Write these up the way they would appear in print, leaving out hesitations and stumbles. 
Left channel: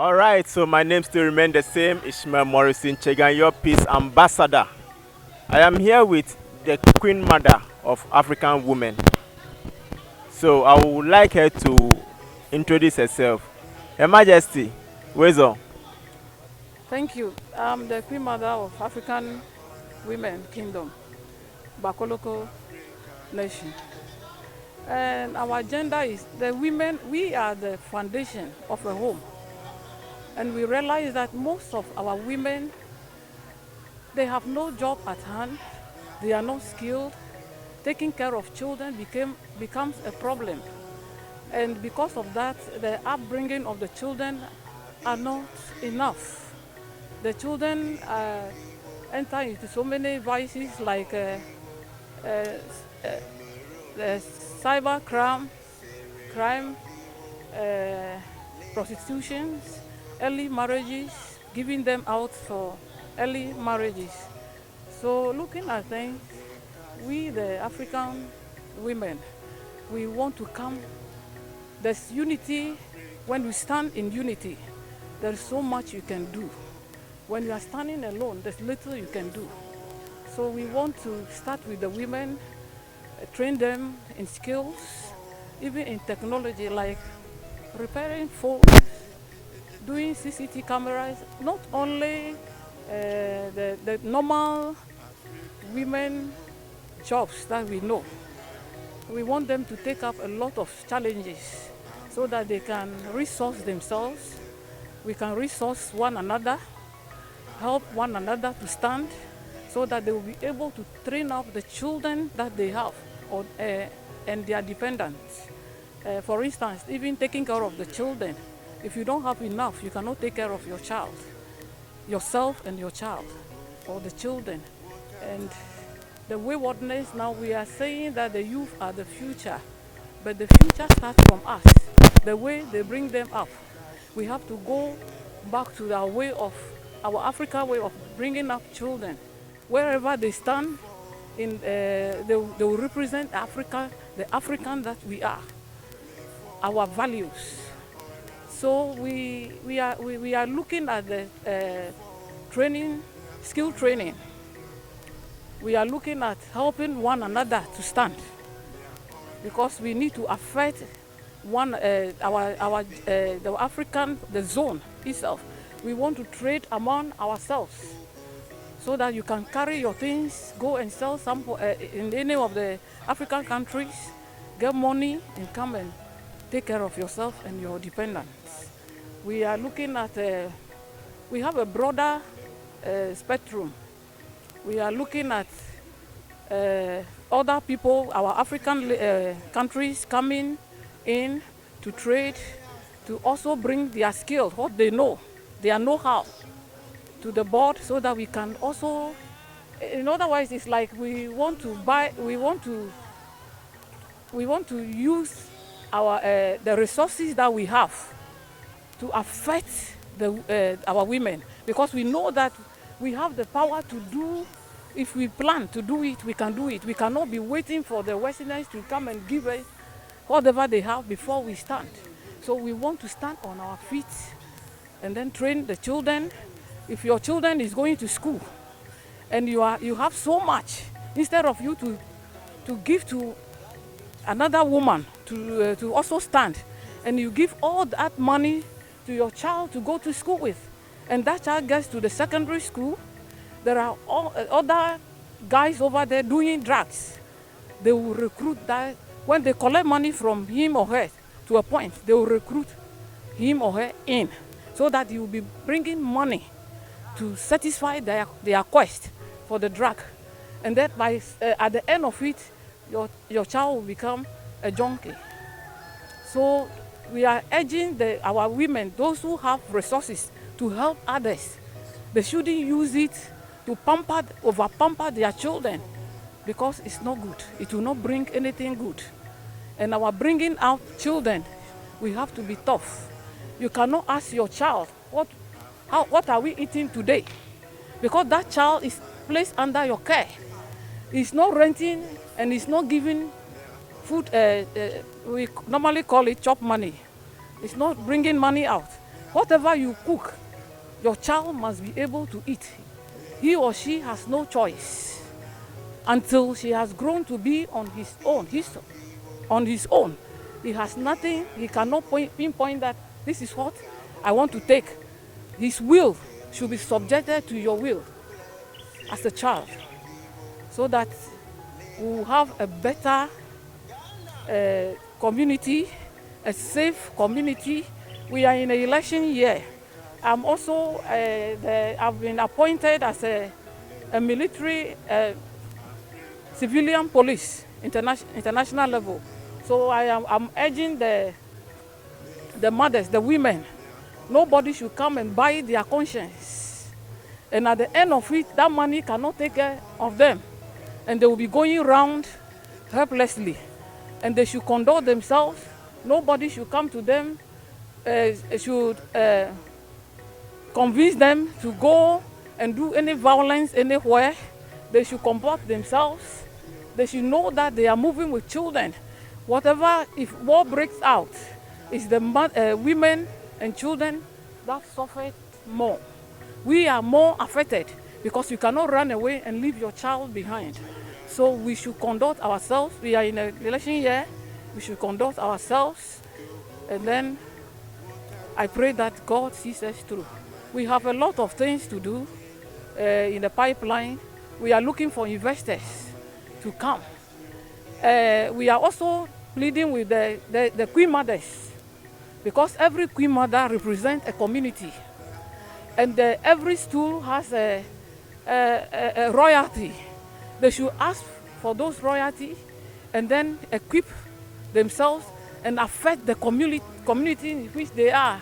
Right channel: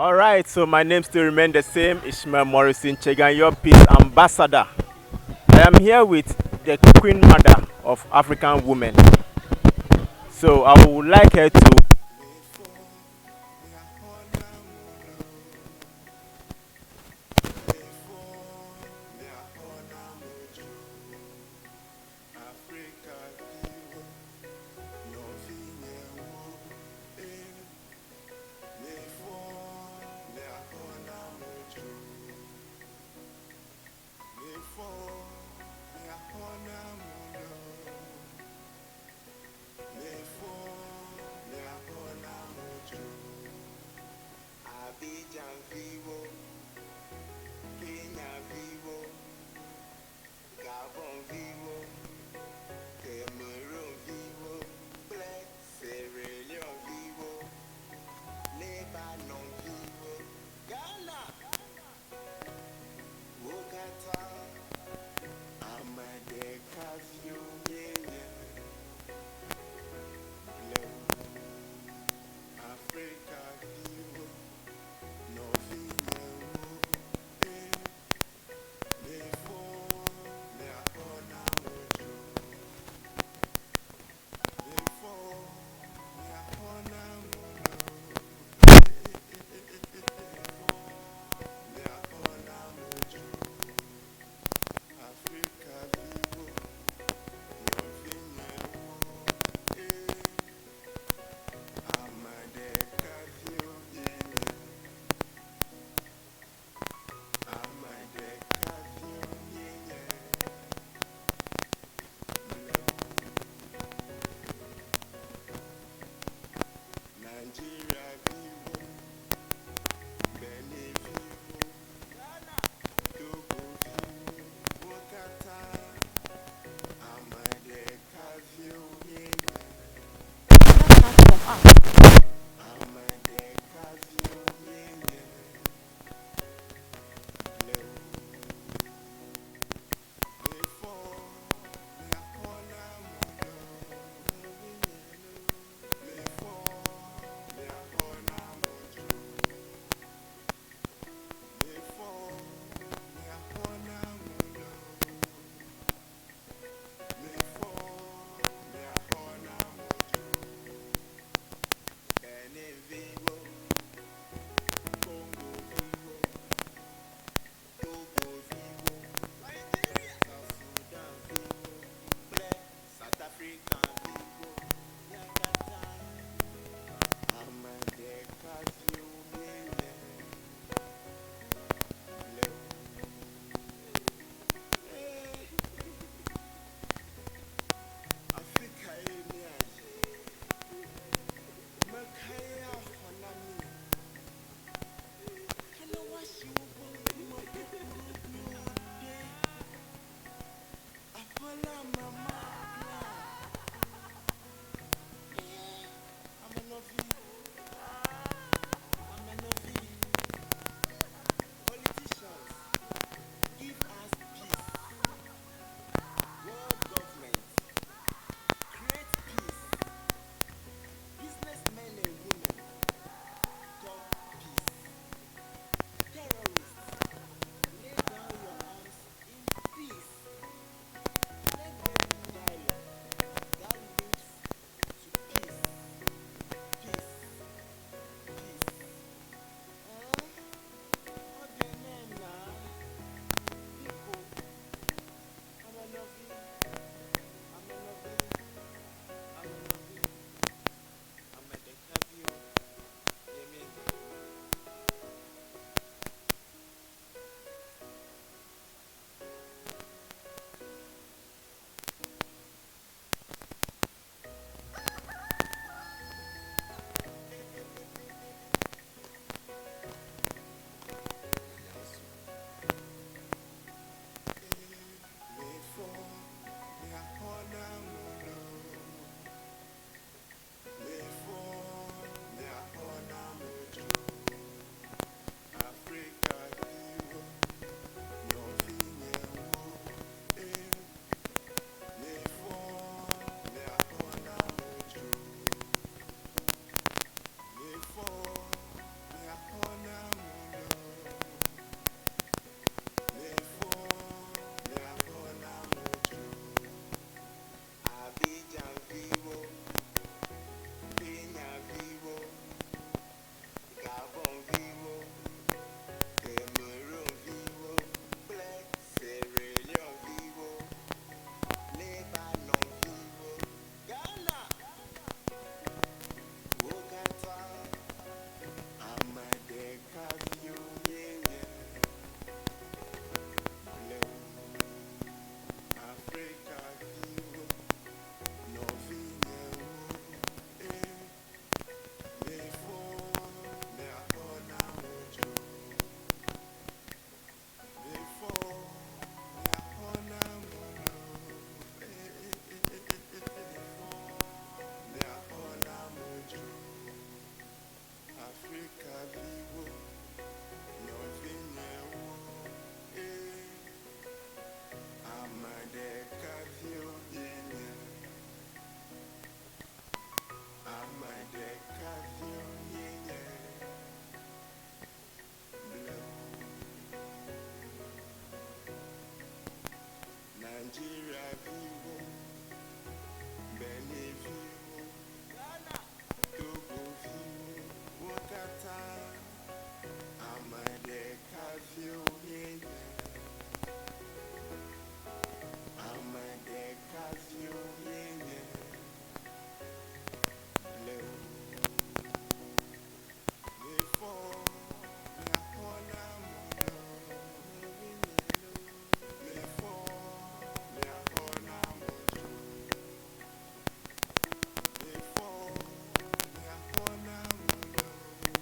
All right, so my name still remains the same, Ishmael Morrison Chegan, your peace ambassador. I am here with the Queen Mother of African women. So I would like her to introduce herself. Her Majesty, Wezo. Thank you. I'm the Queen Mother of African Women Kingdom, Bakholokoe Nation. And our agenda is the women, we are the foundation of a home. And we realize that most of our women, they have no job at hand, they are not skilled, taking care of children becomes a problem. And because of that, the upbringing of the children are not enough. The children enter into so many vices like cyber crime, prostitution, early marriages, giving them out for early marriages. So looking at things, we the African women, we want to come, there's unity. When we stand in unity, there's so much you can do. When you are standing alone, there's little you can do. So we want to start with the women, train them in skills, even in technology, like repairing phones, doing CCTV cameras, not only the normal women jobs that we know. We want them to take up a lot of challenges so that they can resource themselves, we can resource one another, help one another to stand, so that they will be able to train up the children that they have and their dependents. For instance, even taking care of the children. If you don't have enough, you cannot take care of your child, yourself and your child, or the children. And the waywardness, now we are saying that the youth are the future, but the future starts from us, the way they bring them up. We have to go back to our African way of bringing up children. Wherever they stand, they will represent Africa, the African that we are, our values. So we are looking at the training, skill training. We are looking at helping one another to stand, because we need to affect the African, the zone itself. We want to trade among ourselves, so that you can carry your things, go and sell some in any of the African countries, get money, and come and take care of yourself and your dependents. We are looking at, we have a broader spectrum. We are looking at other people, our African countries coming in to trade, to also bring their skills, what they know, their know-how to the board, so that we can also, in other words, it's like we want to use our the resources that we have to affect our women, because we know that we have the power to do. If we plan to do it, we can do it. We cannot be waiting for the Westerners to come and give us whatever they have before we start. So we want to stand on our feet and then train the children. If your children is going to school and you have so much, instead of you to give to another woman to also stand, and you give all that money to your child to go to school with, and that child gets to the secondary school, there are other guys over there doing drugs. They will recruit that. When they collect money from him or her to a point, they will recruit him or her in, so that you will be bringing money to satisfy their quest for the drug. And that at the end of it, your child will become a junkie. So we are urging our women, those who have resources, to help others. They shouldn't use it to over pamper their children, because it's not good. It will not bring anything good. And our bringing out children, we have to be tough. You cannot ask your child, what are we eating today? Because that child is placed under your care. He's not renting, and he's not giving food, we normally call it chop money. It's not bringing money out. Whatever you cook, your child must be able to eat. He or she has no choice until she has grown to be on his own. On his own. He has nothing, he cannot pinpoint that this is what I want to take. His will should be subjected to your will as a child, so that we will have a better community, a safe community. We are in an election year. I'm also, I've been appointed as a military civilian police, international level. So I'm urging the mothers, the women, nobody should come and buy their conscience. And at the end of it, that money cannot take care of them. And they will be going around helplessly. And they should conduct themselves. Nobody should come to them, should convince them to go and do any violence anywhere. They should comport themselves. They should know that they are moving with children. Whatever, if war breaks out, it's the women and children that suffer more. We are more affected because you cannot run away and leave your child behind. So we should conduct ourselves. We are in an election year. We should conduct ourselves. And then I pray that God sees us through. We have a lot of things to do in the pipeline. We are looking for investors to come. We are also pleading with the Queen Mothers, because every Queen Mother represents a community. And every stool has a royalty. They should ask for those royalty and then equip themselves and affect the community in which they are.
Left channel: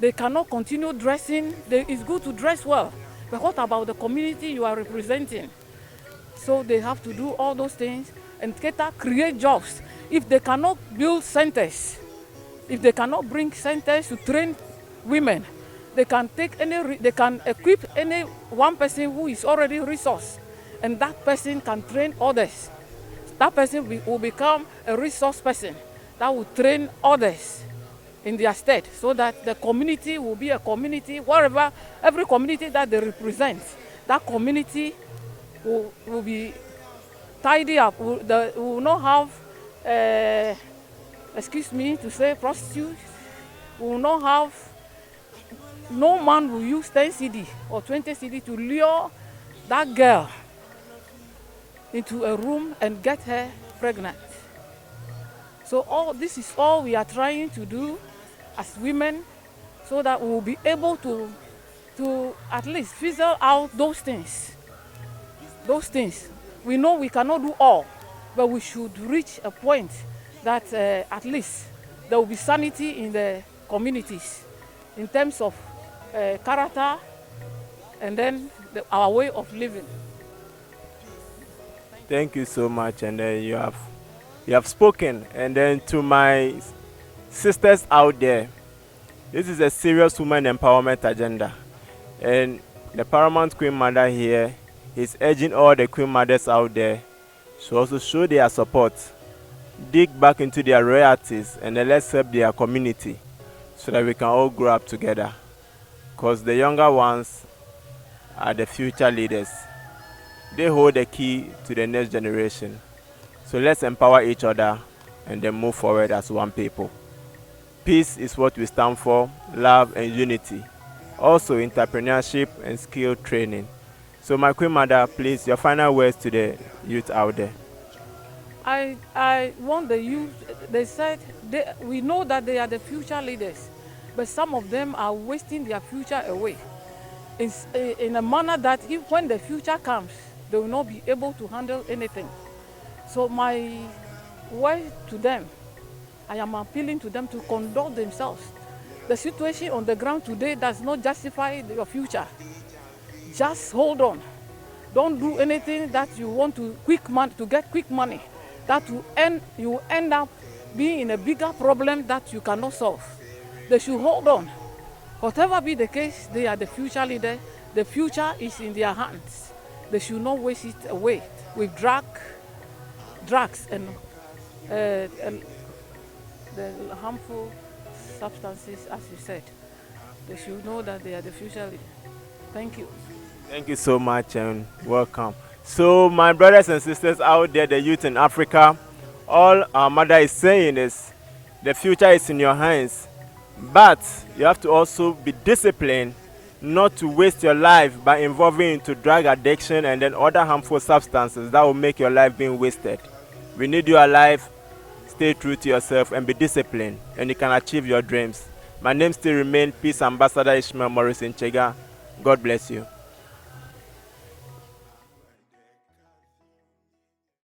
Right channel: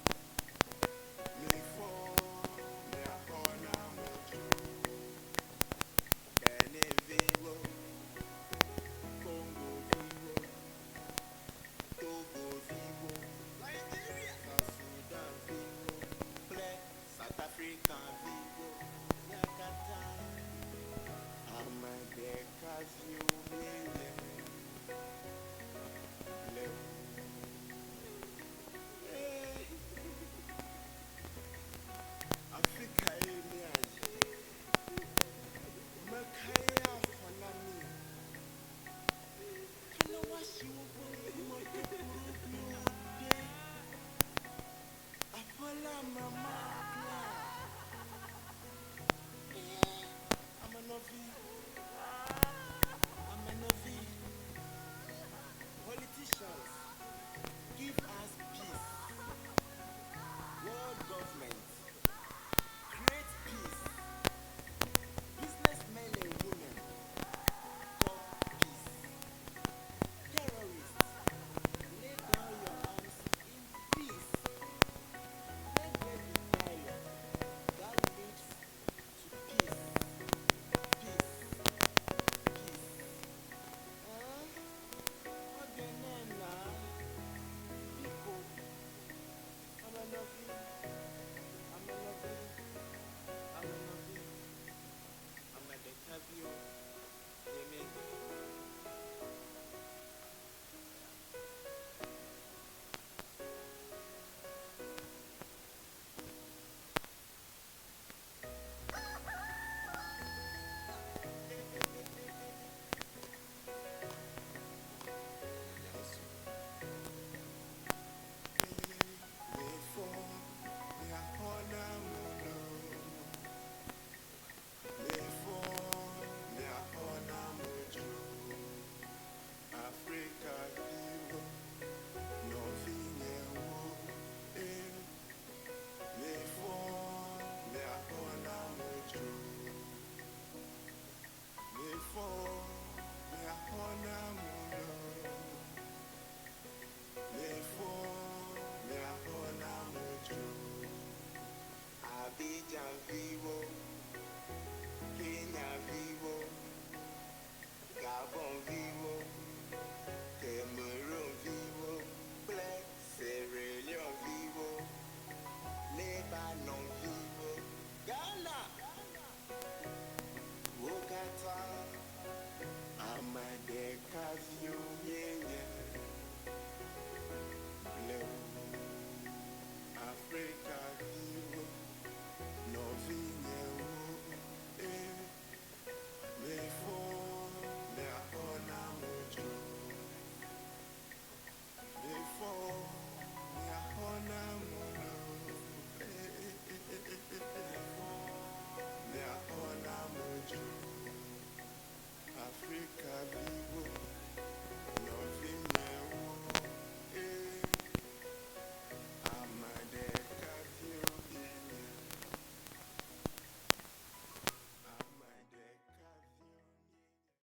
They cannot continue dressing. It's good to dress well, but what about the community you are representing? So they have to do all those things and create jobs. If they cannot build centers, if they cannot bring centers to train women, they can they can equip any one person who is already resource, and that person can train others. That person will become a resource person that will train others in their state, so that the community will be a community wherever, every community that they represent, that community will be tidy up. We will not have, excuse me to say, prostitutes. We will not have, no man will use 10 CD or 20 CD to lure that girl into a room and get her pregnant. So this is all we are trying to do as women, so that we will be able to at least fizzle out those things. Those things. We know we cannot do all, but we should reach a point that at least there will be sanity in the communities in terms of character and then our way of living. Thank you so much, and you have spoken. And then to my sisters out there, this is a serious women empowerment agenda, and the Paramount Queen Mother here is urging all the Queen Mothers out there to also show their support, dig back into their royalties, and then let's help their community so that we can all grow up together, because the younger ones are the future leaders. They hold the key to the next generation. So let's empower each other and then move forward as one people. Peace is what we stand for, love and unity. Also entrepreneurship and skill training. So my Queen Mother, please, your final words to the youth out there. I want the youth, they said, we know that they are the future leaders, but some of them are wasting their future away. It's in a manner that when the future comes, they will not be able to handle anything. So my word to them, I am appealing to them to conduct themselves. The situation on the ground today does not justify your future. Just hold on. Don't do anything that you want to get quick money. That you end up being in a bigger problem that you cannot solve. They should hold on. Whatever be the case, they are the future leader. The future is in their hands. They should not waste it away with drugs and the harmful substances, as you said. They should know that they are the future. Thank you. Thank you so much and welcome. So, my brothers and sisters out there, the youth in Africa, all our mother is saying is the future is in your hands, but you have to also be disciplined not to waste your life by involving into drug addiction and then other harmful substances that will make your life being wasted. We need you alive. Stay true to yourself and be disciplined, and you can achieve your dreams. My name still remains Peace Ambassador Ishmael Morris Chega. God bless you.